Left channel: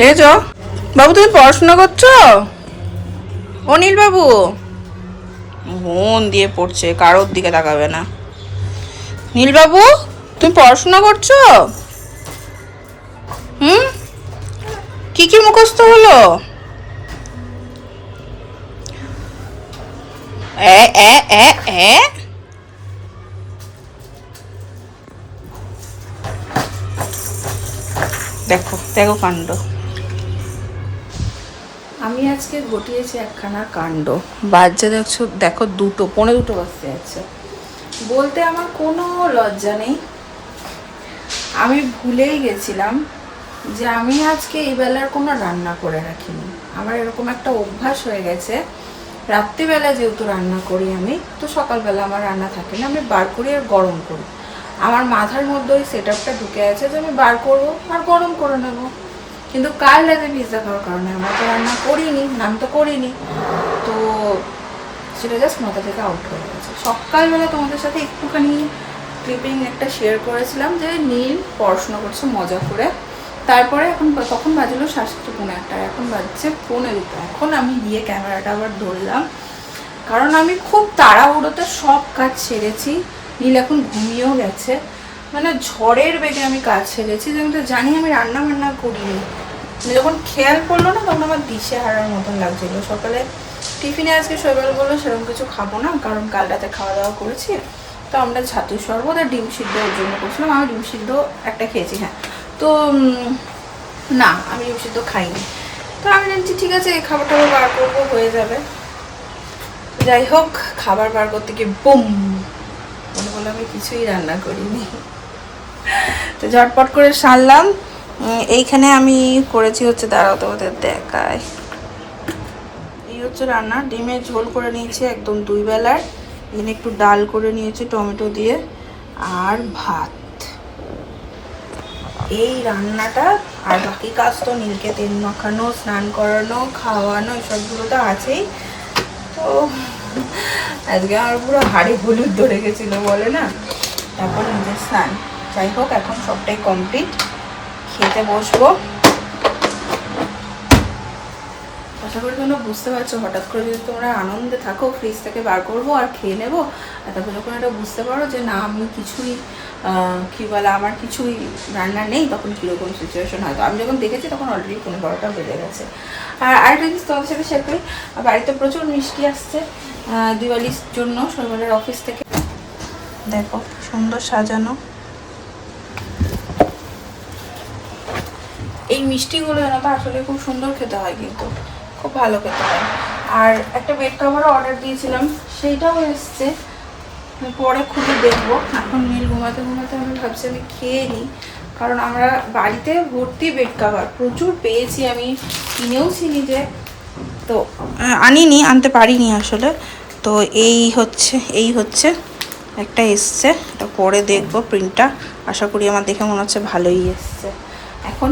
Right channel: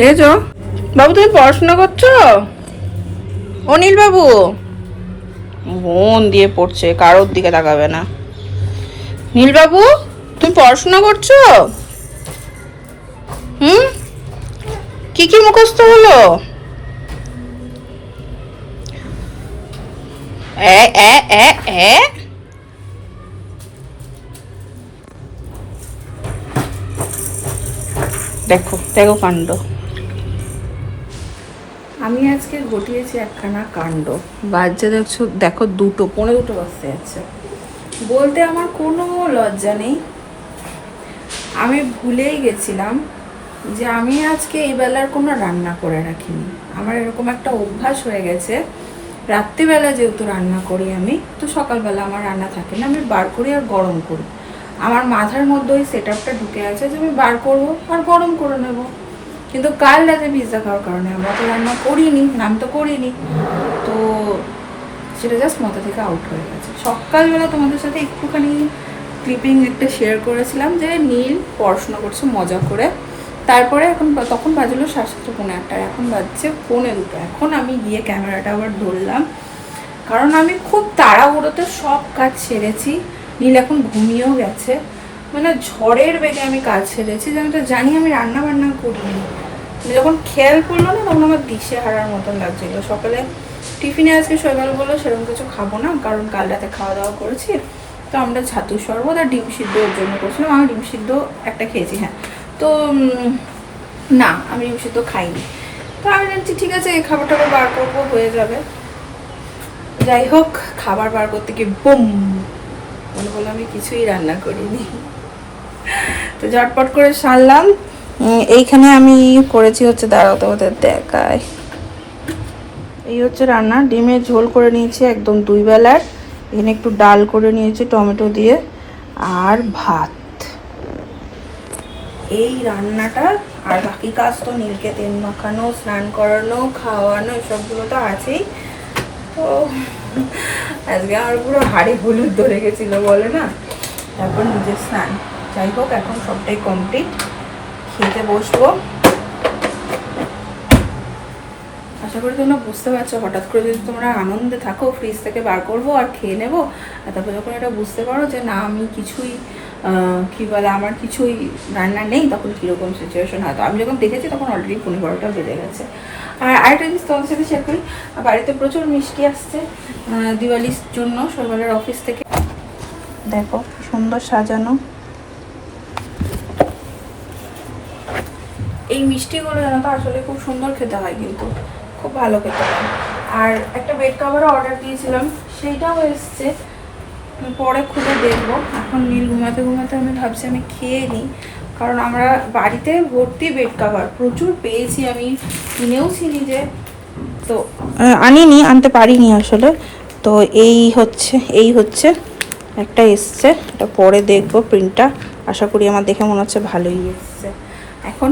দেখেছ বাবু, তুমি পড়াশোনা করছ? অনিল বাবু মন দিয়ে পড়ছে, কারোর দিকে তাকাবে না। নীল বাবু তুমি পড়াশোনা করছ? হুম? কি কি মুখস্থ হলো? এ এ এ এ? দেখো দেখো কাণ্ড। আমি আজকে ঘটিয়েছি একখানা কাণ্ড। বাজছে দেখছ, দেখো দুটো, পনে দুটো বাজতে যাচ্ছে। বলতে আমার কোনো লজ্জা নেই। আমি ভুলেই গেছিলাম যে আমি আজকে এই বেলার কোনো রান্না করে রাখিনি। আমার এরকম একটা অভ্যাস হয়ে গেছে। রাত্রিবেলা যেহেতু রান্না করি আমি, তো সকালবেলা আমার রান্না থাকে না, আমি বার করি আর গরম করি। আমার মাথার মধ্যে ওই সেট ঢুকে আছে যে আমি বার করব আর গরম করে নেব। কিন্তু কাল রাতে পিৎজা খাওয়ার কারণে আমরা তো রান্না করিনি, নাম তো করিনি। তো সেটা জাস্ট মাথা থেকে আউট হয়ে গেছে। সকালবেলা তোমাদের সাথে একটুখানি ক্লিপিং একটা শেয়ার করেছিলাম যে নীল পড়াশোনা করছে, মজা করে। তারপরে এখন তখন বাজলো সাতটা, পৌনে একটা এখন বাজছে পৌনে দুটো। এখন আমি গিয়ে ক্যামেরাটা আবার ধরলাম। কারণ আমি খুব তাড়াহুড়োতে সব কাজ সেরেছি। নীল এখন ঘুমিয়েও গেছে। মানে ঝড়ের বেগে আমি কাজ সেরেছি যে আমি তো জানি আমি রান্না বান্না করিনি। যখন খেয়াল করল না, তখন আমার দিশে হারার মতন লাগছিল। সকালে টিফিনে আজকে শৈবাল বলল, সেরকম কিছু খাব না, কারণ কাল রাতে খাওয়া দাওয়া করেছি, তো আমরা ছাতু শরবত আর ডিম সিদ্ধ ওর জন্য করছিলাম। আমি ডিম সিদ্ধ একটা খেয়েছি হ্যাঁ। তো না, আমি ডিম সিদ্ধ খাইনি। তো আমি জানছি ঠিক আছে, এই খাবার টাবার বার করব, হয়ে যাবে। যাই হোক, খাবার বার করতে গিয়ে বুম মনে বলে আমি কিছুই রান্না করিনি। তো ঝটপট করে সারলাম। এইখানে আমি করেছি হচ্ছে দাঁড়াও তোমাদের দেখায় এই হচ্ছে রান্না। ডিমের ঝোল করে নিয়েছি একদম দুই বেলার। এখানে একটু ডাল করে নিয়েছি টমেটো দিয়ে আর ভাত। এই রান্নাটা আর বাকি কাজ তো নীলকে তেল মাখানো, স্নান করানো, খাওয়ানো, এসবগুলো তো আছেই। তো আজকে আমার পুরো হাড়ি হলুদ ধরে গেছিল, বলে না? তারপর নিজের স্নান। যাই হোক, এখন সবটাই কমপ্লিট খেতে বসবো। আশা করি তোমরা বুঝতে পারছ, হঠাৎ করে যদি তোমরা আনন্দে থাকো ফ্রিজ থেকে বার করব আর খেয়ে নেব, আর তারপর যখন এটা বুঝতে পারো যে না, আমি কিছুই কী বলে, আমার কিছুই রান্না নেই, তখন কীরকম সিচুয়েশন হয়। তো আমি যখন দেখেছি, তখন অলরেডি পনেরো বারোটা বেজে গেছে। আর আরেকটা জিনিস তোমাদের সাথে শেয়ার করি, বাড়িতে প্রচুর মিষ্টি আসছে দিওয়ালির জন্য সরকারের অফিস থেকে। দেখো সুন্দর সাজানো। এই মিষ্টিগুলো যেন তো আসলে খুব সুন্দর খেতে হয় কিন্তু, খুব ভালো খেতে হয়। আর একটা বেড কাভারও অর্ডার দিয়েছিলাম, সেইটাও এসছে। পরে খুলে দেখব। এখন নীল ঘুমাতে ঘুমাতে আমি ভাবছি আমি খেয়ে নিই, কারণ আমরা বাড়িতে ভর্তি বেড কাভার প্রচুর পেয়েছি আমি কিনেও ছিনি যে তো আনিনি, আনতে পারিনি আসলে। তো এই হচ্ছে এই হচ্ছে, একটা এসছে। এটা পরে দেখব প্রিন্টটা আশা করি আমার দেখে মনে হচ্ছে ভালোই এসছে। এখন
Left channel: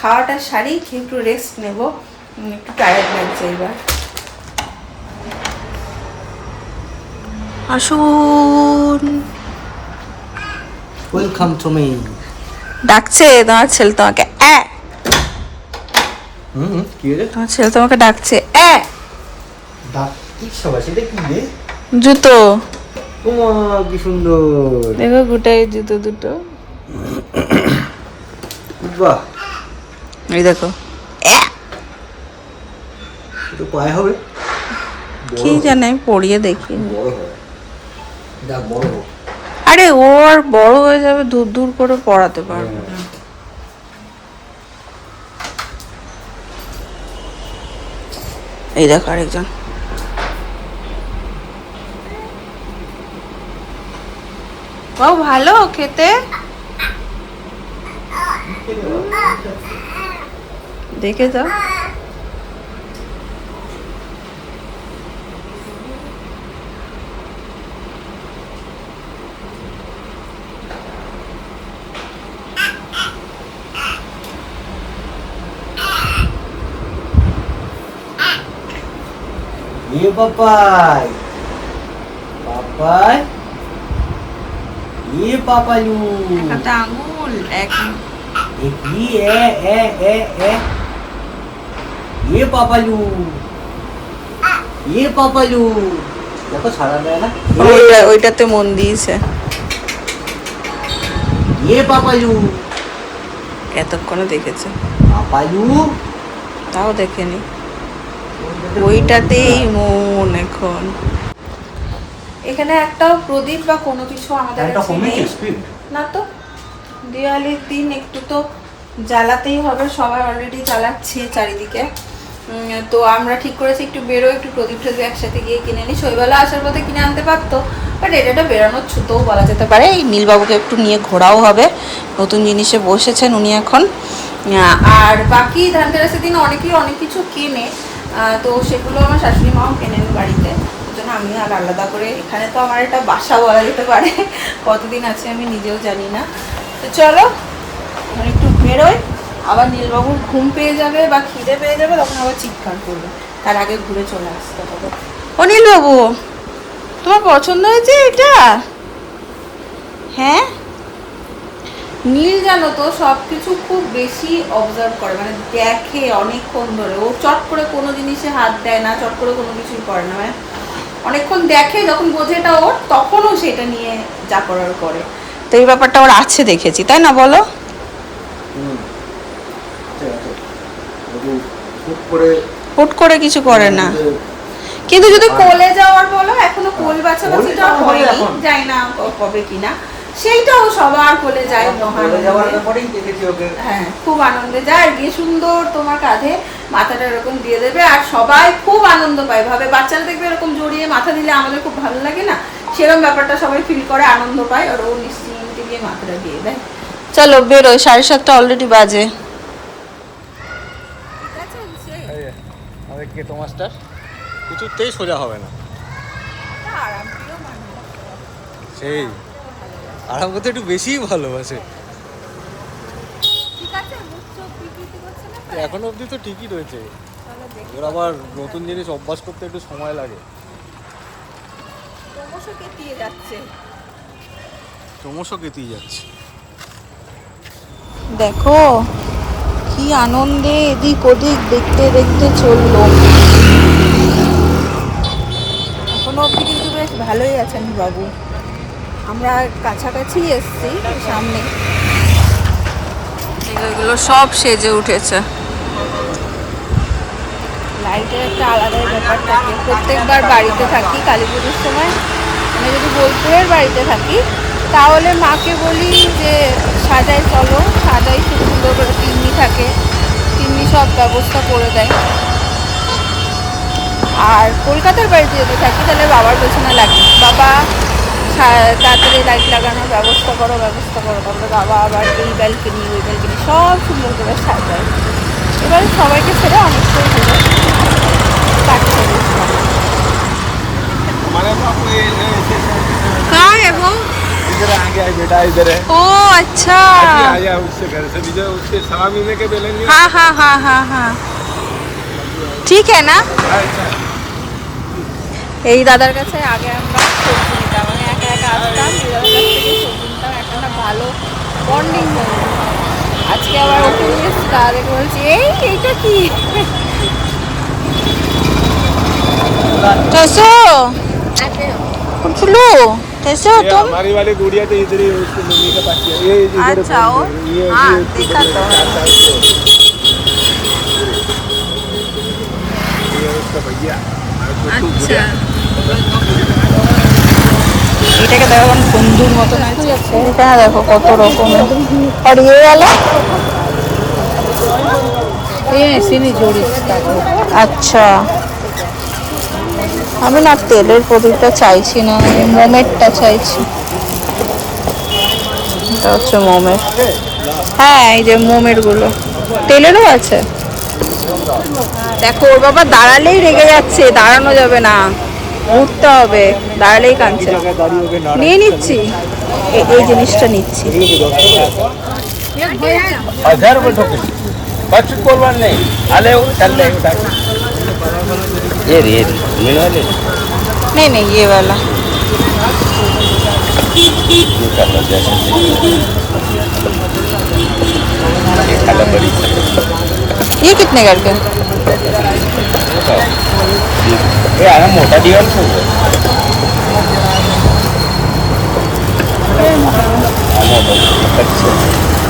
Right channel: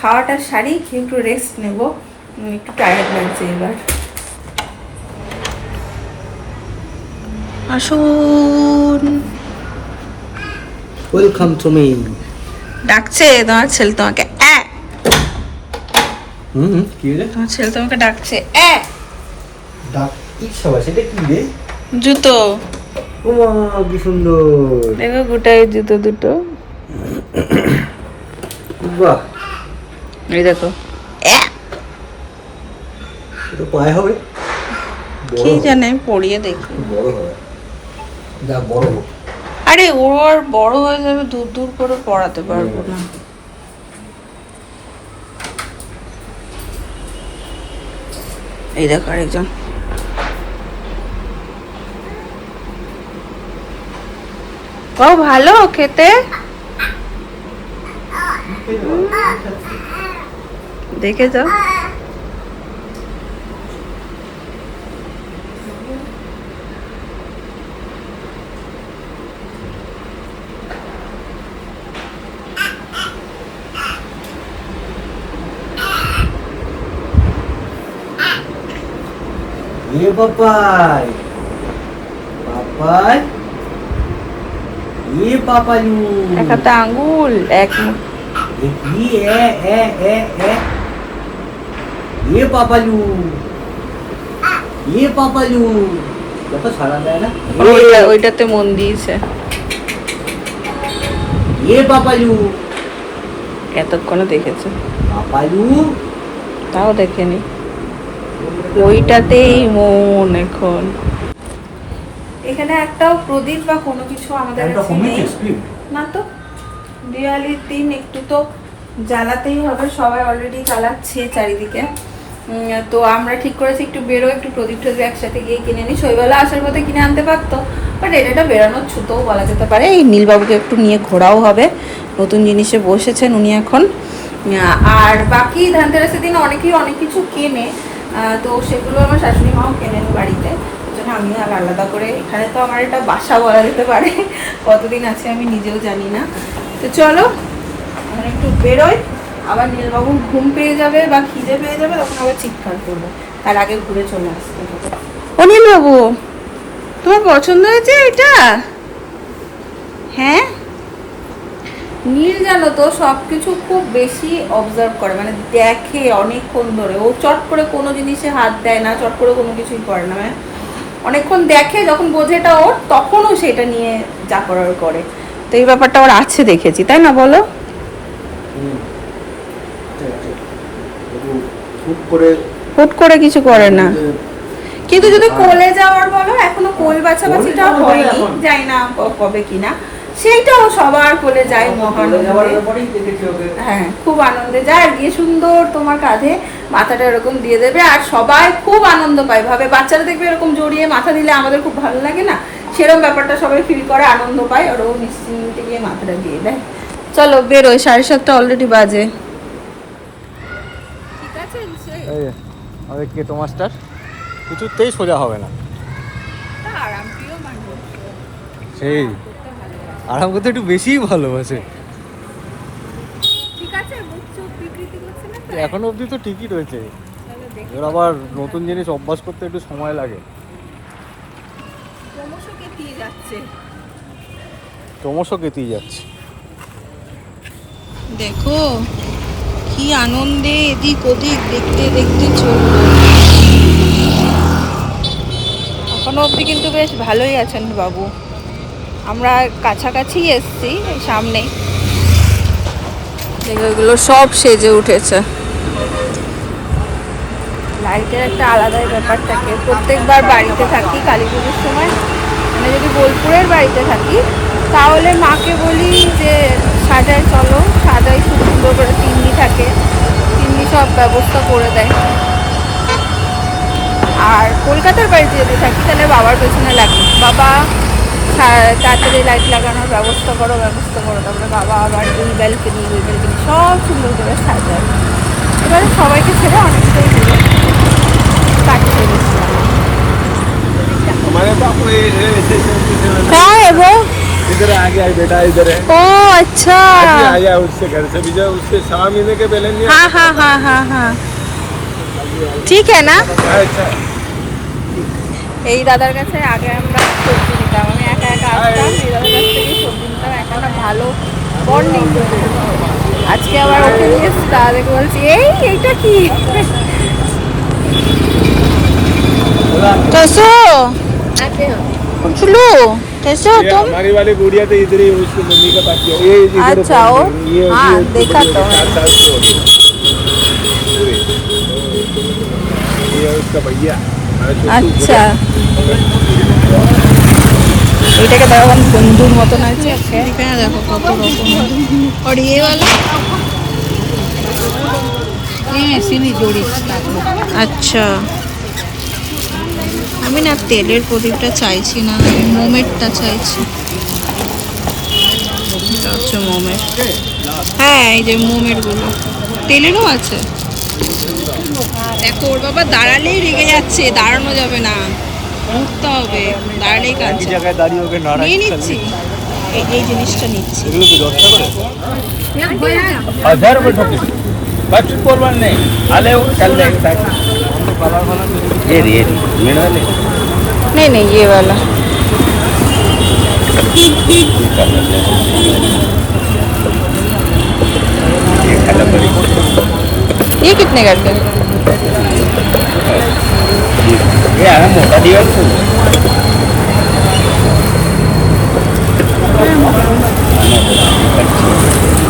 খাওয়াটা সারি খেয়ে একটু রেস্ট নেব। একটু টায়ার্ড লাগছে এবার। আসুন। ওয়েলকাম টু মি ডাকছে তোমার ছেলে তোমাকে অ্যা হুম কি রে? তোমার ছেলে তোমাকে ডাকছে অ্যা ডাক ইচ্ছা বা সেটা কি রে? জুতো। ওমা কি সুন্দর। দেখো গোটাই জুতো দুটো। বাহ। এই দেখো। অ্যা পায়ে হবে? কি জানে পড়িয়ে দেখি। বড় হবে। যা বড় আরে ওর বড় হয়ে যাবে দূর দূর করে পড়াতে পারব না। এই দেখো আরেকজন। ও ভালো খেতে। দেখে যাও ইয়ে পাপাই পাপাই ইয়ে পাপালু এক হাতে আঙ্গুল এক মুখ এ কি এ এ পাপালু। এ পাপালু। তো সারা দেয় না? ওইটা ওইটাতে মন দিয়েছে। এ পাপালু। এতক্ষণে দেখেছে। পাপালু। তাও দেখেনি। ওইটাতেই মন এখন। এখানে একটাও প্রদীপ বা কোনো কিছু আমাদের না তো? দিওয়ালির দিন একটু তো জ্বালাতেই হবে। সবাই অলরেডি জ্বালাচ্ছে চারিদিকে। তো আমরা ঠিক করেছি একটু বেরো, একটু প্রদীপ টদীপ একসাথে গিয়ে কিনে নিই। শৈবালা আসার পথে কিনে আনতে পারতো বাট এটা বেরোনোর ছুতোও বলা যেতে পারে। এই নীলবাবুকে একটু নিয়ে ঘোরাও হবে, নতুন জিনিসে বসেছেন উনি এখন। আর বাকি ধানতেরাসের দিন অনেকেই অনেক কিছু কেনে তো সেগুলো আমার শাশুড়ি মাও কেনেন বাড়িতে। জন্য আমি আর আলাদা করে, এখানে তো আমার এটা বাসা বলা যেতে পারে। কতদিন আছে আমি নিজেও জানি না। তো চলো একটু বেরোই। আবার নীলবাবুর ঘুম পেয়ে যাবে বা খিদে পেয়ে যাবে তখন আবার চিৎকার করবে। তার আগে ঘুরে চলে আসতে হবে। ও নীলবাবু তোমার পছন্দ হয়েছে এটা? হ্যাঁ? নীল জানো তো সব কিছু খুব বেশি অবজার্ভ করে মানে দেখে অনেকক্ষণ ধরে। ও চট করে কোনো জিনিসে হাত দেয় না চট করে কোনো কিছুই করে না। মানে অনেকক্ষণ দেখে যখন বোঝে এটা ওর তখনও সেটা নিয়ে যা করার করে। তো এই ব্যাপারটা ওর আছে দেখেছি তাই না বলো চুপ করে হুট করে কিছু করে না। কিন্তু যদি কোলে যাওয়ার বলো এখনও কোল বাছাবাছিটা হয়নি। যাই না কবে কিনা। সেইটাও সবার কোলে যায় মহানন্দে দেখেছি ওকে। হ্যাঁ খুব আনন্দে। যায় আর গিয়ে সুন্দর তোমার কাঁধে মাথাটা এরকম দিয়ে দেবে আর সবাই খুব আনন্দ পায়। ভাবে বাচ্চারা দেখবে এরকম জড়িয়ে মাথা দিলে আমাদের খুব ভালো লাগে না? সেরকম ব্যাপারটা সবাই ফিল করে আনন্দ পায়। আর ও নিশ্চিন্তে গিয়ে মাথাটা দিয়ে দেয়। চলো বেরোয় সাড়ে সাতটা অলরেডি বাজে ঠিক আছে আরে কে তোমার স্টার কিছুতেই সোজা হবে না। আরাম প্রিয় মানুষ সেই। আরাম করতে একটু বেশিই ভালোবাসে। এখন অবধি তো ঠিকই রয়েছে। এবার আবার নতুন জিনিস অভ্যাস করতে একটু সময় লাগে। ক্রমশ কেতেই যাচ্ছে। দেখো কি আনন্দে এদিক ওদিক দেখতে দেখতে চলল। এখনও অবধি কিন্তু বেশ ভালোই আছেন বাবু। আমরা কাছাকাছি এসছি সামনে। এগুলো সব সেজে উঠেছে। লাইটের একটা আলাদাই ব্যাপার থাকে। প্রত্যেকবার বাড়িতে থাকি কালী পুজোর সময়। মানে যদি বোলপুরের বাড়িতে থাকি তাহলে মাকে বলি যে সাজায় চলো সাজাই খুব সুন্দর করে থাকে তিনি সব ব্যবস্থা করে দেয়। আর কলকাতার বাড়িতে যদি থাকি তাহলে বাবার পেছনে লাগবে বাবা হ্যাঁ, তাড়াতাড়ি লাইট লাগানোর ব্যবস্থা করো ব্যবস্থা করো। তারপরে বাবা আবার দুই বেল কিনি দুই বেল কিনি সব সুন্দর করে সাজায়। এবারে সবাইকে ছেড়ে অনেক করে ঘুরে কাটছে হ্যাঁ এবং इधर आ गया है बेटा इधर है ও আচ্ছা अभी आया उससे घर से विजय उससे सवा महीने के पहले नहीं हाँ हाँ हाँ हाँ हाँ ঠিক है না आया। अच्छा এই দাদার কাছে আগে আমরা সবজি নিতাম মানে একা একা আসতাম এই দাদার কাছ থেকে সবজি নিতাম একটা না ভালো বন্ডিং আজকে আবার ওকে নিয়ে এসছি, দাদাকে বলছি এই এইটা কি कैसे हो फुलू कैसे हो ये तुम हमारी वाली गुड़िया तो इधर ही है, उसकी मम्मी का पास ही है। ये इधर है अच्छा, फोन वो? पे। ये हाँ, ये उसकी देखा गुड़िया तो चार मैंने। साल की होगी। ये है उसका भैया हमारे छोटू আচ্ছা এটাকে দেখো এখন বন্ধুর মতন আছে এখানে দেখো কত রকমের আর ইয়ে গেল আচ্ছা আমি না তেলের প্রদীপটা চাইছি না, আমি মোমেরটা চাইছি। এটা হচ্ছে মোমের। হ্যাঁ এই যে মোমেরগুলো। তেলেরও আছে। দেখো, ওর বাবা দাঁড়ালেই রেগে যাচ্ছে, দাঁড়ানো যাবে না। উঠতে হবে, দাঁড়ালেই কাঁদছে। নিয়ে নিচ্ছি। এই জিনিসটা নিচ্ছি। করবার নেই। ये रही ये रही वाले नहीं नहीं ये वाला। ये कितने करते हैं मोटा दीवार तो। हाँ, मोटा। अच्छा।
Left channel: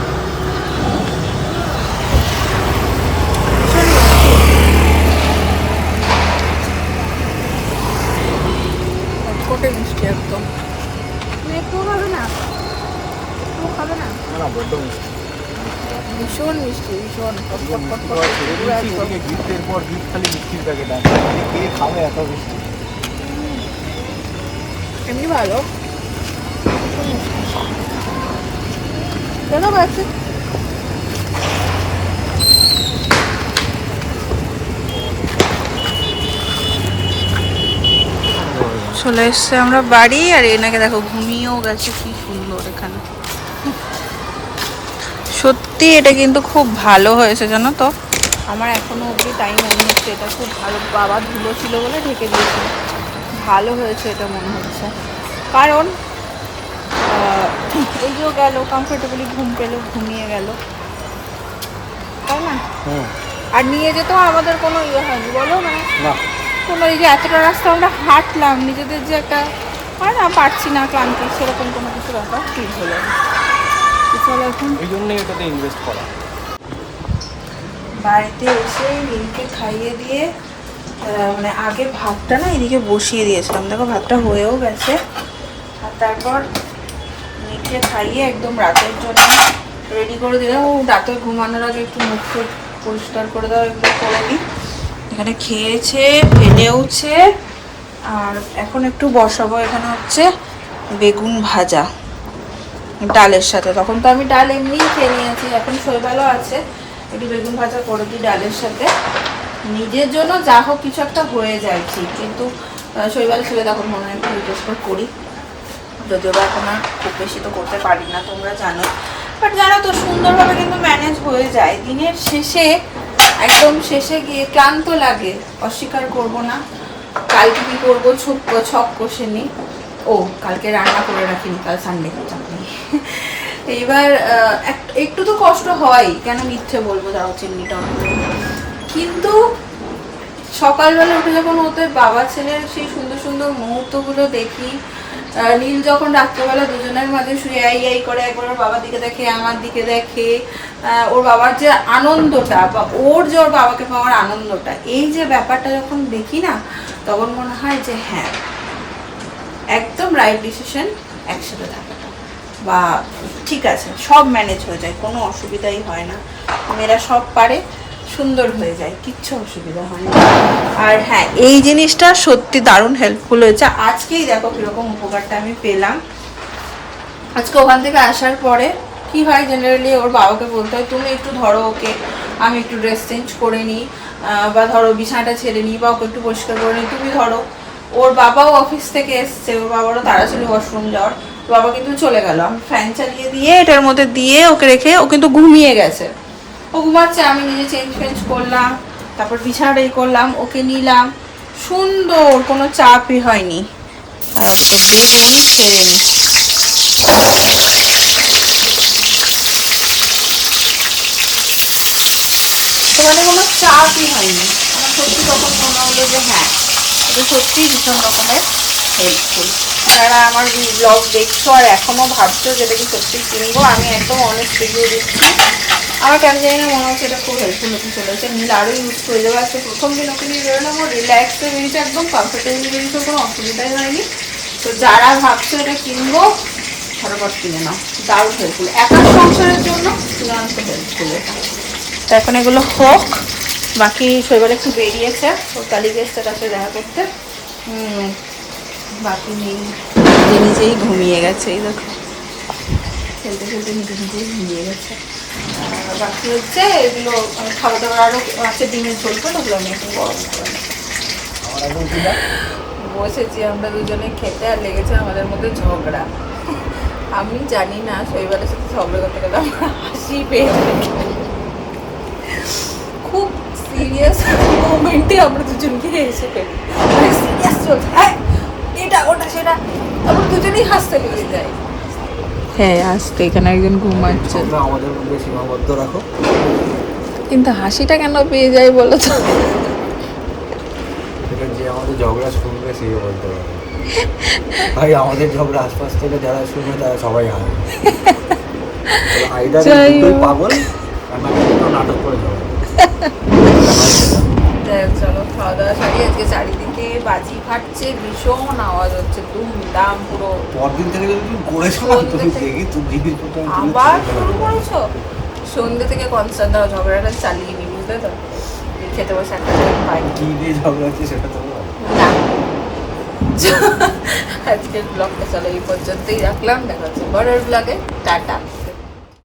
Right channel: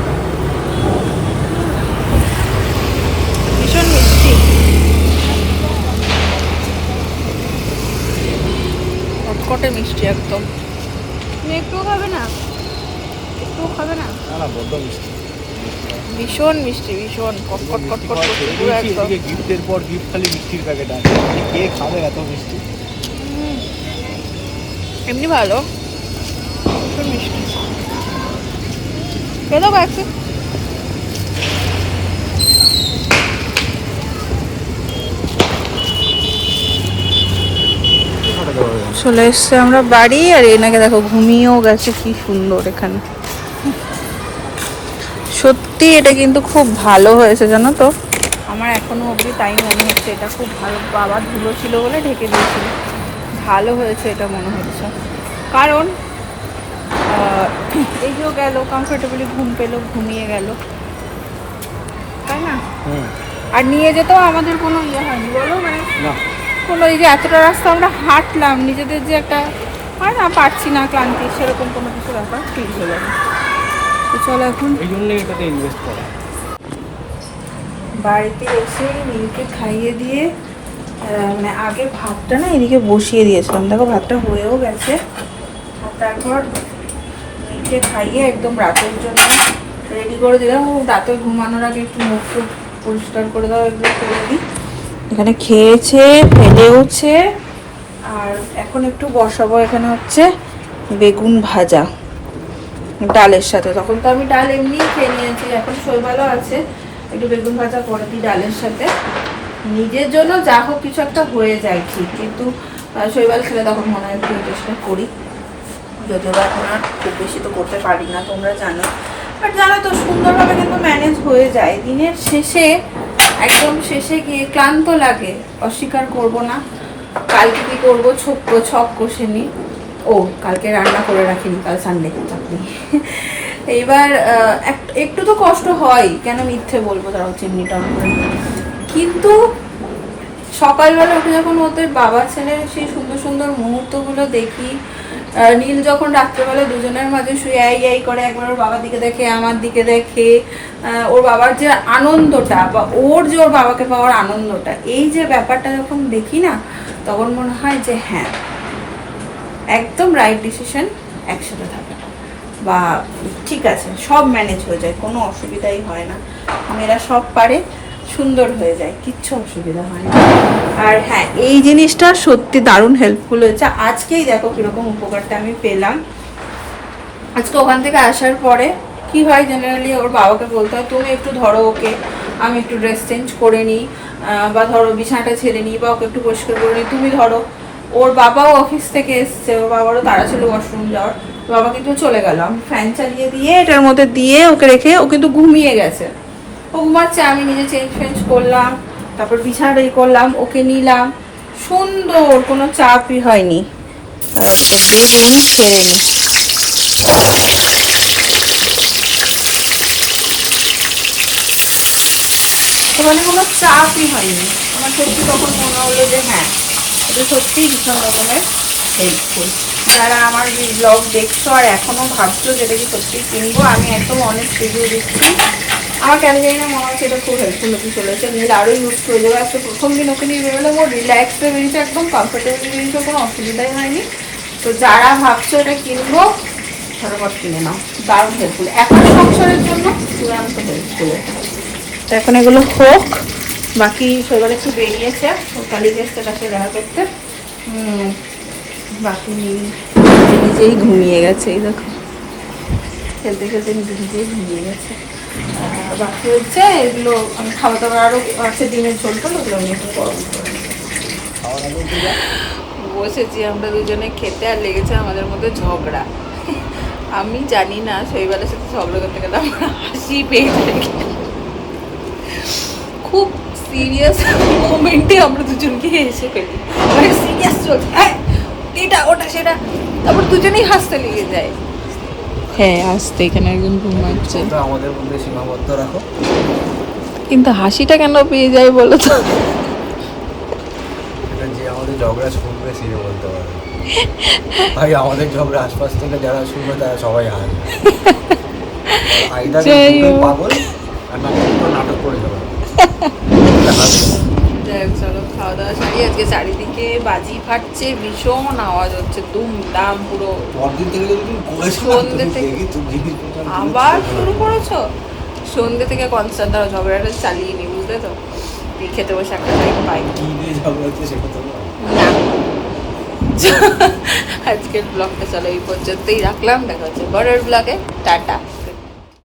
কটকটে মিষ্টি একদম। তুমি একটুও খাবে না? একটুও খাবে না? না বড্ড মিষ্টি। ভীষণ মিষ্টি ভীষণ কটকট কটকট পুরো একদম। গিফটের পর গিফট খালি মিষ্টির প্যাকেট আছে। কে খাবে এত মিষ্টি? এমনি ভালো। ভীষণ মিষ্টি। কেন পাচ্ছি চলে এসছে আমরা বাড়ি আর এনাকে দেখো ঘুমিয়েও গেছে কি সুন্দর এখানে। সত্যি এটা কিন্তু খুব ভালো হয়েছে জানো তো? আমার এখনও অবধি তাই মনে হচ্ছে এটা খুব ভালো বাবা ধুলো ছিল বলে ঢেকে দিয়েছিল। ভালো হয়েছে এটা মনে হচ্ছে। কারণ আহ, এই গেল কমফোর্টেবলি ঘুম পেল ঘুমিয়ে গেল। তাই না? আর নিয়ে যেতেও আমাদের কোনো ইয়ে হয়নি বলো মানে। না। কোনো এই যে এতটা রাস্তা আমরা হাঁটলাম নিজেদের যে একটা হয় না পারছি না ক্লান্তি সেরকম কোনো কিছু ব্যাপার ঠিক হলো না। তো চলো এখন এই জন্যই এটাতে ইনভেস্ট করা। বাড়িতে এসে রিমিকে খাইয়ে দিয়ে মানে আগে ভাতটা না এদিকে বসিয়ে দিয়েছিলাম। দেখো ভাতটা হয়েও গেছে। আর তারপর রিমিকে খাইয়ে একদম রাতের জন্য রেডি করে দিলাম। ও রাতে ঘুমানোর আগে একটু মুখ পরিষ্কার করে দাও এগুলো করে দিই। এখানে খেয়েছে, ফেলেওছে। আর এখন একটু বসাবো এখানে হচ্ছে বেগুন ভাজা, ডালের সাথে। তখন তো আমি ডাল এমনিই খেয়ে নিয়েছি, এখন শৈবালও আছে। একটু বেগুন ভাজা করে দিই ডালের সাথে। নিজের জন্য যা হোক কিছু একটা হয়ে যায় ঠিক, কিন্তু শৈবাল খেলে তখন মনে হয় একটু চেষ্টা করি। যদিও বা এখন আর খুব বেশি তো করতে পারি না, তোমরা জানো। বাট জানো তো, সুন্দরভাবে কিন্তু ম্যানেজ হয়ে যায়। দিনের শেষে একদম শেষে গিয়ে ক্লান্ত লাগে। অস্বীকার করব না। কালকে কি করব? ছক ছক কষে ও, কালকে রান্না করে রাখিনি, কাল সানডে চাকরি এইবার এক- একটু তো কষ্ট হয়। কেন মিথ্যে বলব? তারাও চিমনিটা। কিন্তু সকালবেলা উঠে যখন ওদের বাবা ছেলের সেই সুন্দর সুন্দর মুহূর্তগুলো দেখি নীল যখন রাত্রেবেলা দুজনের মাঝে শুয়ে আই আই করে, একবার ওর বাবার দিকে দেখে, আমার দিকে দেখে ওর বাবার যে আনন্দটা বা ওর যে ওর বাবাকে পাওয়ার আনন্দটা, এই যে ব্যাপারটা যখন দেখি না, তখন মনে হয় যে হ্যাঁ একদম রাইট ডিসিশন একসাথে থাকাটা বা ঠিক আছে, সব ম্যানেজ হয়ে যায়, কোনো অসুবিধাই হয় না। মেয়েরা সব পারে সুন্দর হয়ে যায়, কিচ্ছু অসুবিধা হয় না। আর হ্যাঁ এই জিনিসটা সত্যি দারুণ হেল্পফুল হয়েছে। আজকেই দেখো কীরকম উপকারটা আমি পেলাম। আজকে ওখান থেকে আসার পরে কি হয় জেনারেলি ওর বাবাকে বলতে হয়, তুমি একটু ধরো ওকে, আমি একটু ড্রেস চেঞ্জ করে নিই বা ধরো বিছানাটা ছেড়ে নিই, বা ওকে একটু পরিষ্কার করে নিই, তুমি ধরো। ওর বাবাও অফিস থেকে এসছে, ওর বাবারও তারা ছিল ওয়াশরুম যাওয়ার। বাবা কিন্তু চলে গেল। আমি ফ্যান চালিয়ে দিয়ে এটার মধ্যে দিয়ে ওকে রেখে ও কিন্তু ঘুমিয়ে গেছে। ও ঘুমাচ্ছে, আমি নিজে চেঞ্জ ফেঞ্জ করলাম, তারপর বিছানাটা ই করলাম, ওকে নিলাম। সুন্দর, কোনো চাপই হয়নি। আর তো বেগুন ছেড়ে নিই মানে কোনো চাপই হয়নি। সত্যি তখন মনে হলো যে হ্যাঁ সত্যিই ভীষণ রকমের যারা আমার এই ব্লগ দেখছ আর ভাবছ যেটা কি সত্যিই কিনবো, আমি একদম অনেক রিভিউ দিচ্ছি। আমার কেন জানি না, মনে হচ্ছে এটা খুব হেল্পফুল হতে চলেছে। নীল আরও ইউজ হয়ে যাবে আজকে প্রথম দিন ওকে নিয়ে বেরোলাম ও রিল্যাক্সে বেরিয়েছে একদম কমফোর্টেবল বেরিয়েছে কোনো অসুবিধাই হয়নি। তো যারা ভাবছ এটা কিনবো, ঝটপট কিনে নাও। দারুণ হেল্পফুল একার সংসারের জন্য চূড়ান্ত হেল্পফুল এটা তো এখন এগুলো হোক, বাকি সেগুলো একটু বেরিয়েছে। গেছে তার সাথে দেখা করতে। বাকি নিজে নিজেই ঘুমিয়ে গেছে, এই দেখো। খেলতে খেলতে নিজে নিজেই ঘুমিয়ে গেছে। আর বাকি হচ্ছে এগুলো আমি খাবার দাবার আরও আছে ডিমের ঝোল তো ওগুলো আমি একটু গরম করে বসেছি আমরা দুজনে খেতে আর লেগেছে আমাদের মধ্যে ঝগড়া। আমি জানি না শৈবালের সাথে ঝগড়া করতে গেলে আমার হাসি পেয়ে খুব সিরিয়াস মোমেন্টে আমরা দুজনকে হেসে ফেলি। মানে সিরিয়াস চলছে। হ্যাঁ এটা ওটা সেটা। তারপর দুজনেই হাসতে লেগে যায়। হ্যাঁ হাসতে এখানে একজন ঘুমাচ্ছে। আমাদের মধ্যে সীমাবদ্ধ রাখো। কিন্তু হাসিটা কেন পেয়ে যায় বলো তো? যে আমাদের ঝগড়া শুনবে সেই বলতে পারবে। ভাই আমাদের ঝগড়া আশপাশ থেকে যারা শুনবে তারা সবাই হাসবে। হোক। পাগল? আর নাটক করে যাবে। হোক, চলো খাওয়া দাওয়া সারি আজকে চারিদিকে বাজি ফাটছে ভীষণ আওয়াজ হচ্ছে দুম দাম পুরো দেখি আবার শুরু করেছ? সন্ধ্যে থেকে কনসার্ট দেওয়া ঝগড়াটা চালিয়ে নি বুঝলে তো? এই খেতে বসে একটা টাইম পাই। কি নিয়ে ঝগড়া হচ্ছে সেটা তো না। আজকের ব্লগটা চলো এই পর্যন্তই রাখলাম দেখা হচ্ছে পরের ব্লগে টাটা।